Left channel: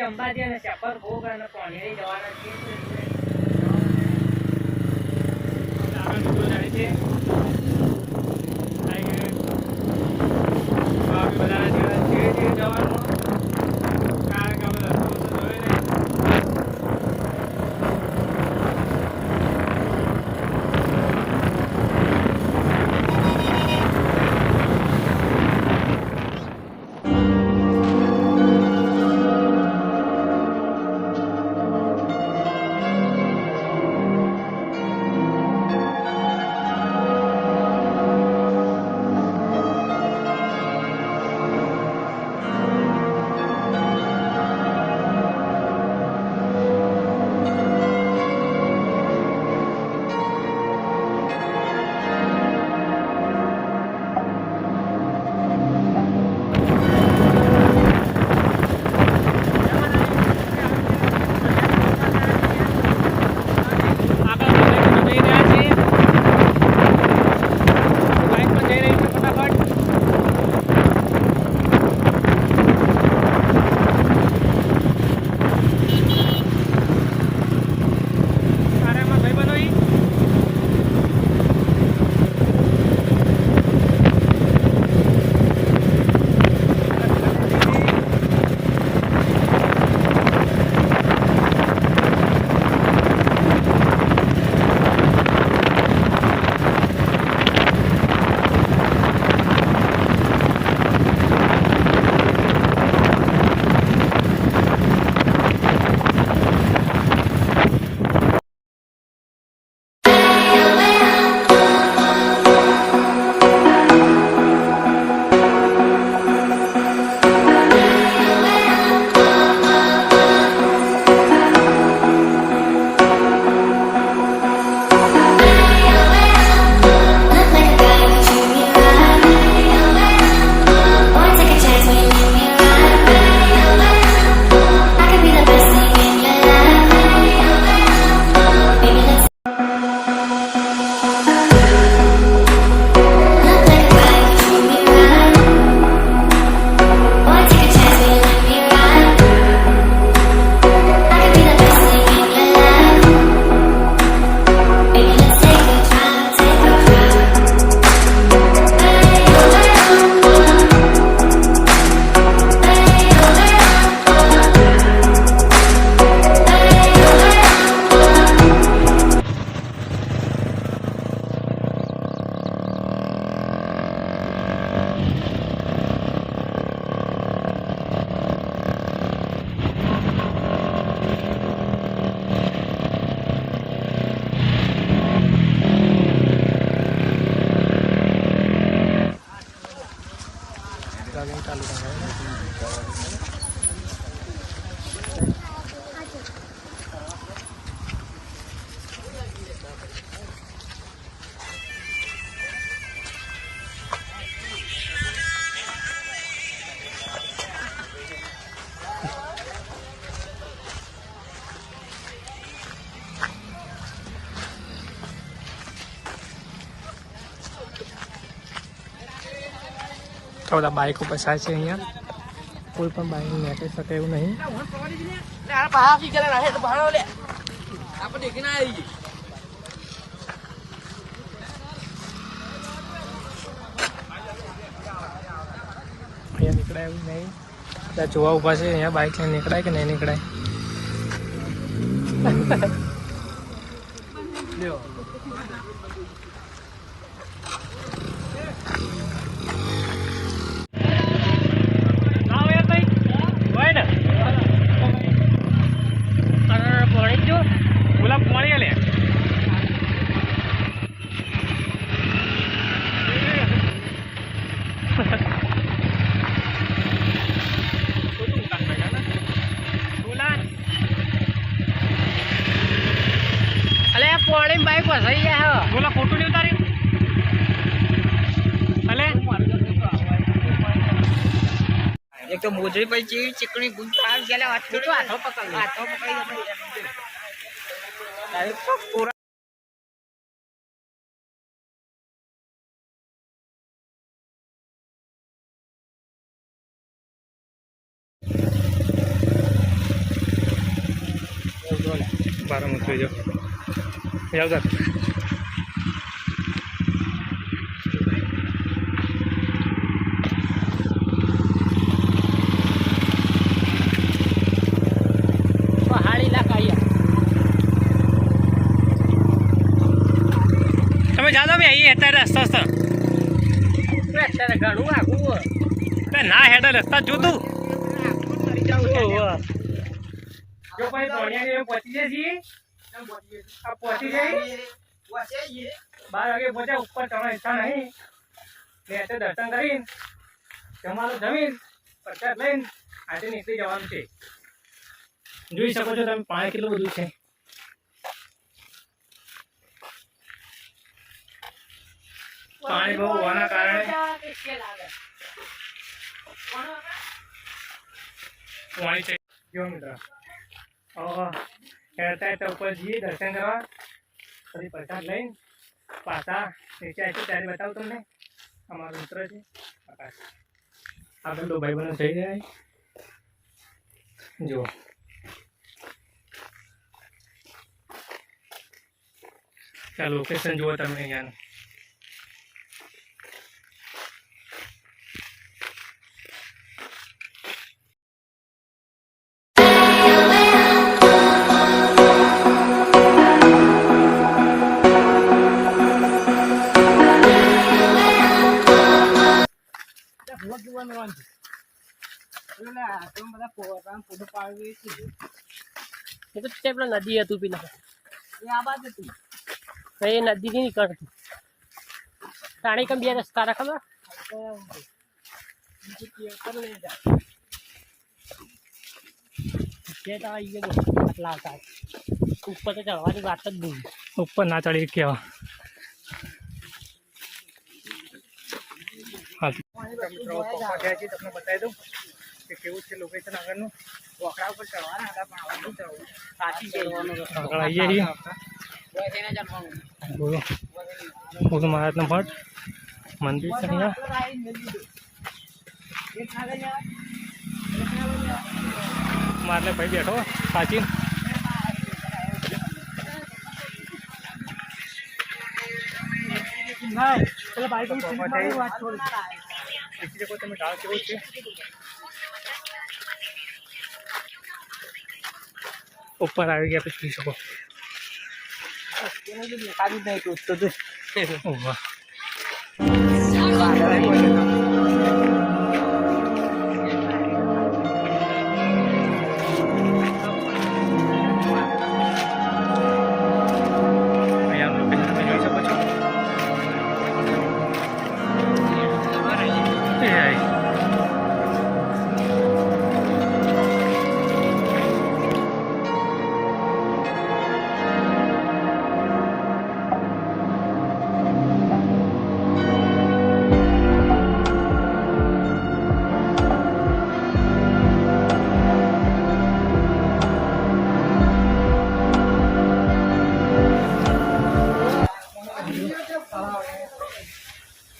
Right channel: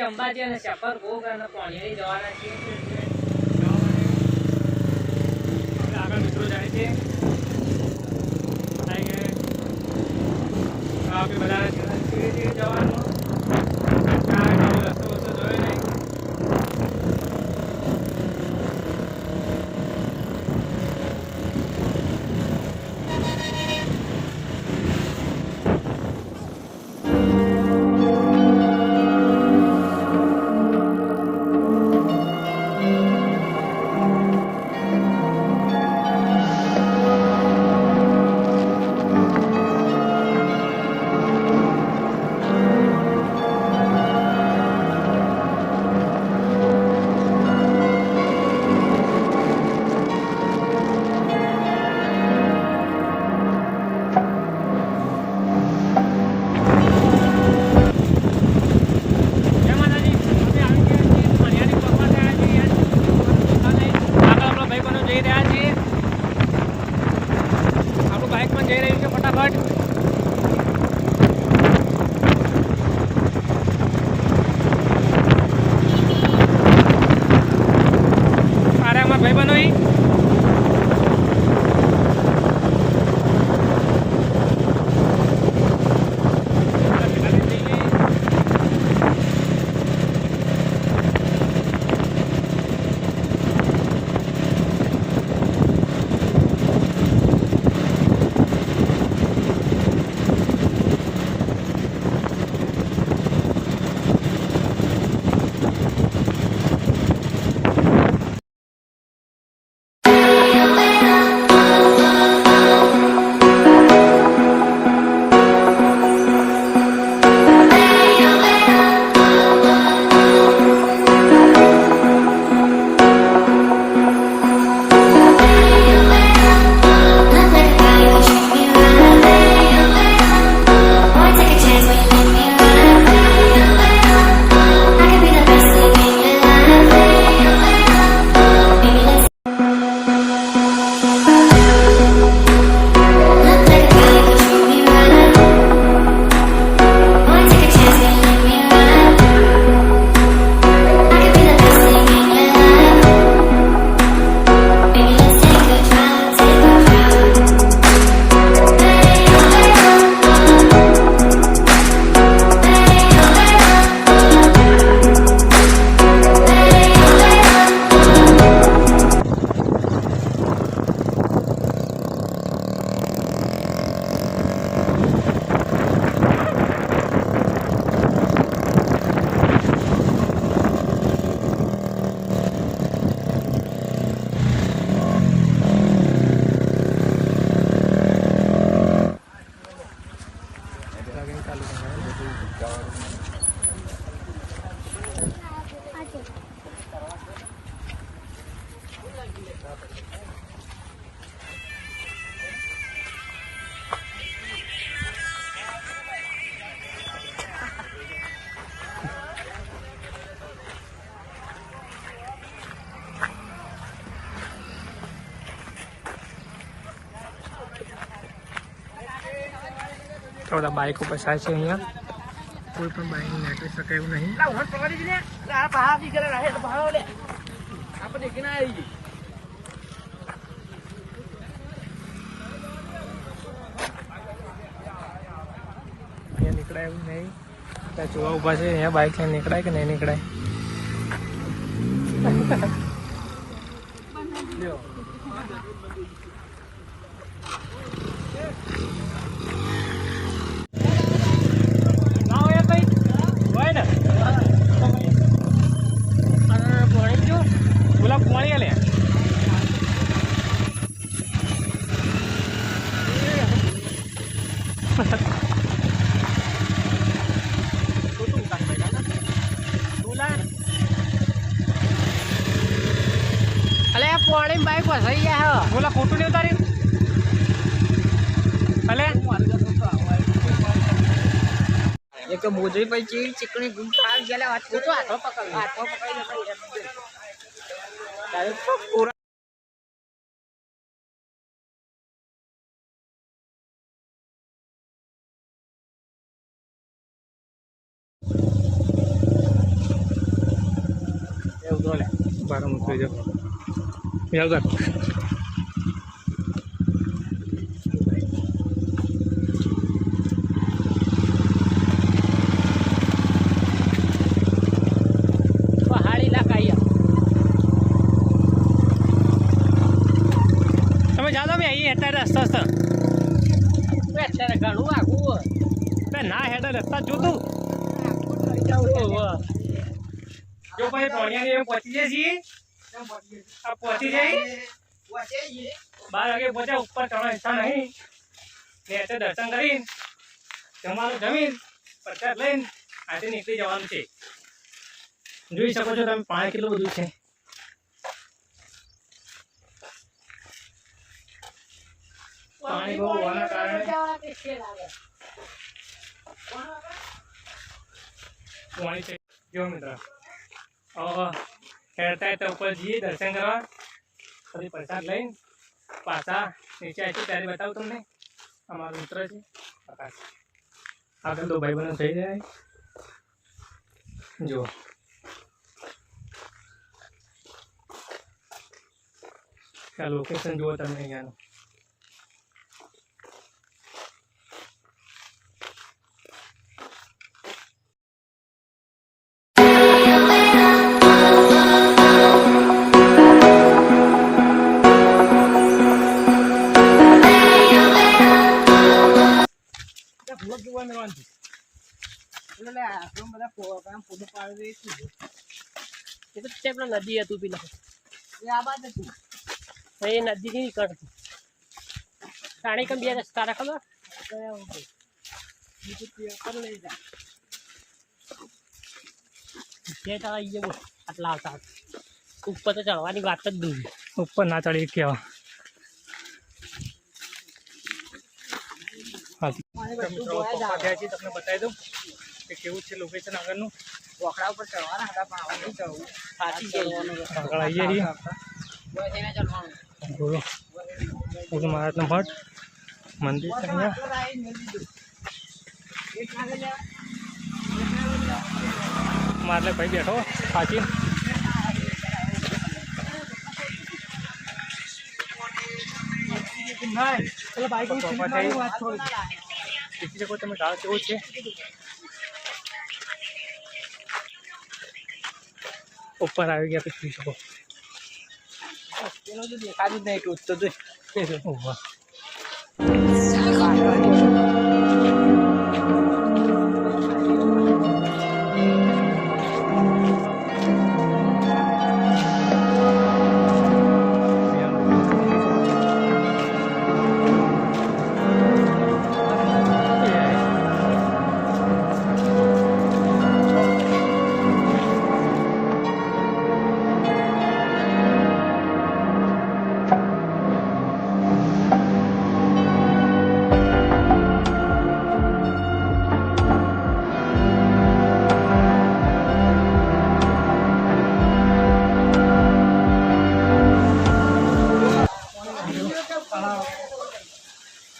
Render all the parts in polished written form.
પછી અંબાજી અને શપર ભોગ અને પોણિયારી જવાના છીએ. આપણા મિત્રો જાય છે બધા જવાનું તો બધા બાઇકો પસાર છે અહીંયા. કોઈ પણ બાઇક નીકળી શકે એવું નહીં. નીકળાય એવું નહીં. જોવા ઉભા છે અહીંયા બાઇક લઈને નીકળાય કે નહીં નીકળાય. પાણી બાઈક વસાઈ ગયા બોલા ખોટું નહીં તારી ભલે એક તો મોજરી પછી ચીકણી ગુંદ આવી ગયા વાત કરો હાથો પકડી બાર મૂકી જો યાદ તમે જાદો ભાઈ અહીં અત્યારે રસ્તો અત્યારે ઘણું આખું ના હેડે રસ્તા જોતું જો ભાઈ પોણિયા પહોંચી જાય છીએ આ પહોંચી જાય 12 વાગે પહોંચ્યા ઉપર ચડવા ઈચ્છા નહીં ને એટલે દર્શન કરીને જમવાનું જમીન પ્રસાદ લઈને આજે નીકળી જવાનું છે જોઈ શકો છો તમે પાણી કેટલું બધું છે પાણી બહુ હોવાના કારણે પાણી છે જો મિત્ર હેરતા તો ઉપર જઈએ દર્શન કરવા પછી પ્રસાદ લઈને પાછા નીચે આવીશું ત્યારે બતાવું તમને અમારો મિત્ર છે આકાશ આગળ તો ભાઈ બહેનો થઈ જાય જો ત્યાં લોકેશન જુઓ તમે અહીંયાનું નદી હતું પેલા એ નદી ની નીકળતી સાડી કમ બે રસ્તા ખબર લાવતા ઉપર તો ચડવાની વાત જ દૂર ઉપર ના ચડી કેવા તમને બતાવી દઉં કે કેવું છે લોકેશન આગળનું વખડા ઉપર ચડવાના હતા પણ આવવાનું ચડવું આગળ આવીએ છીએ ગુરુ મહારાજનો મઠ મંદિર છે અહીંયા મારે ભાઈ બેઠો સાચી તમે ગાળ કેવું છે ઉપર આવી ગયા પછી જોઈ શકો દેખાતું જ નહીં ટૂટતો તો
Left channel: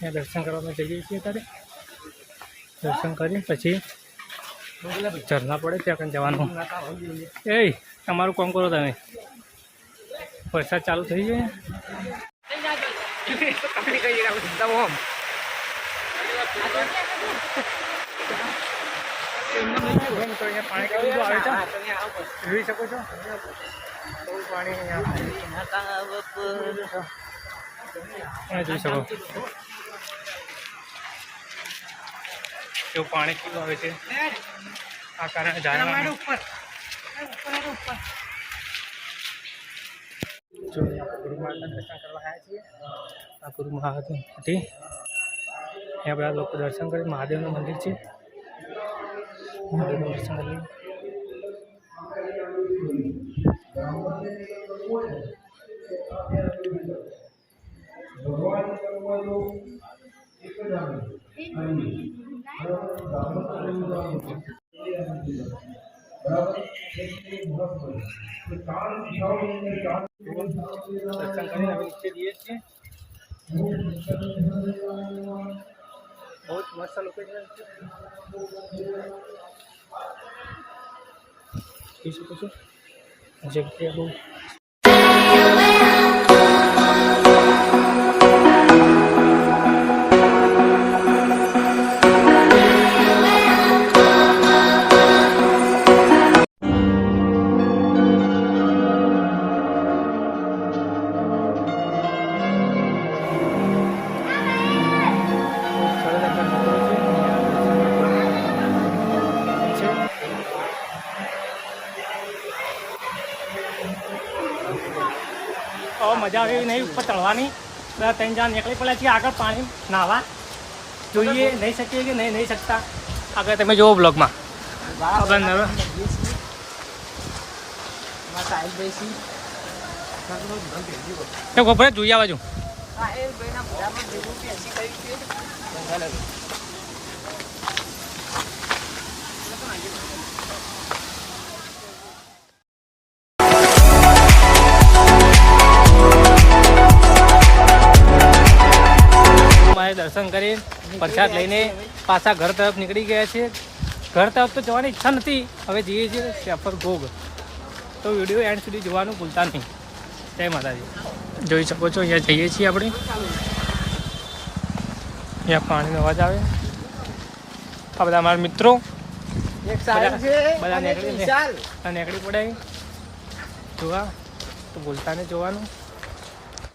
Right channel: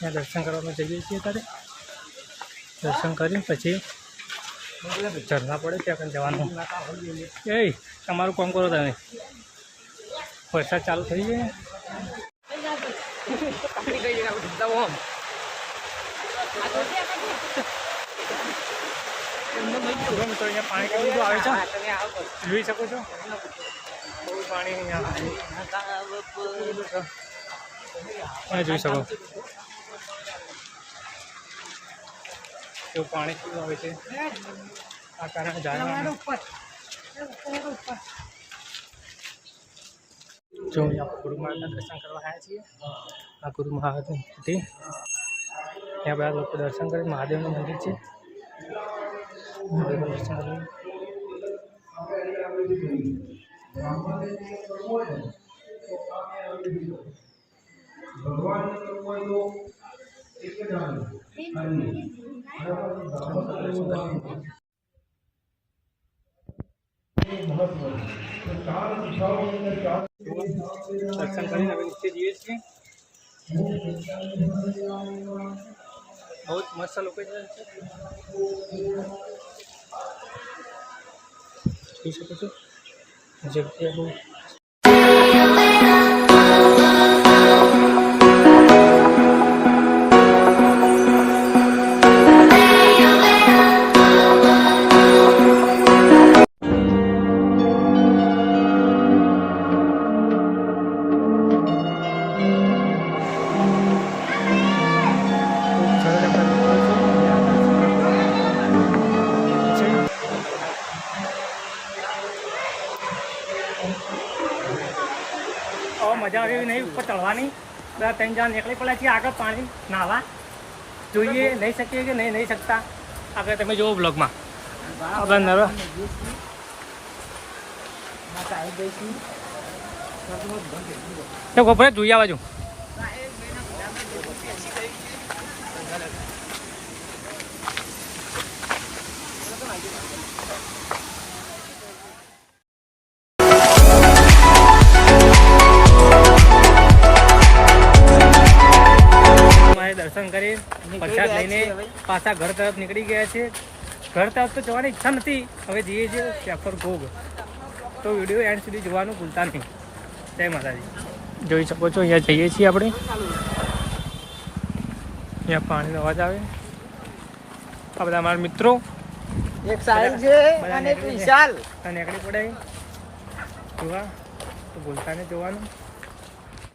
ત્યાં દર્શન કરવા જઈએ છીએ ત્યારે દર્શન કરી પછી ઝરણા પડે ત્યાં જવાનું એ તમારું કામ કરો તમે વરસાદ ચાલુ થઈ જાય મિત્રો અહીંયા પાણી કેટલું બધું આવે છે જોઈ શકો છો બહુ પાણી અહીંયા જોઈ શકો એવું પાણી કેવું આવે છે આ કારણે ઝાડવા ઉપર જો આપણે ગુરુ મહારાજના દર્શન કરવા આવ્યા છીએ આ ગુરુ મહારાજની હતી અહીંયા બધા લોકો દર્શન કરે મહાદેવનું મંદિર છે મહાદેવનું દર્શન કરી દર્શન કરીને હવે નીચે જઈએ છીએ બહુ મસ્ત લોકેશન છે જોઈ શકો છો જગ્યા બહુ સરસ આપણા મિત્રો છે અહીંયા દર્શનના પૂર્ણ છે. મજા આવે એવી નહીં ઉપર ચડવાની. બધા 3 જણા નીકળી પડ્યા છીએ આગળ પાણી નાહવા. જોઈએ નહીં શકીએ કે નહીં શકતા. આગળ તમે જુઓ બ્લોગમાં આપણે નરો ગોપરે જોઈ આવવા જો. દર્શન કરી પ્રસાદ લઈને પાછા ઘર તરફ નીકળી ગયા છે. ઘર તરફ તો જવાની ઈચ્છા નથી, હવે જઈએ છીએ શ્યાપર ઘોઘ. તો વિડીયો એન્ડ સુધી જોવાનું ભૂલતા નહીં. જય માતાજી. જોઈ શકો છો અહીંયા જઈએ છીએ આપણે. અહીંયા પાણીનો અવાજ આવે. આ બધા અમારા મિત્રો બધા નીકળી પડે જોવા, તો ભૂલતા નહીં જોવાનું.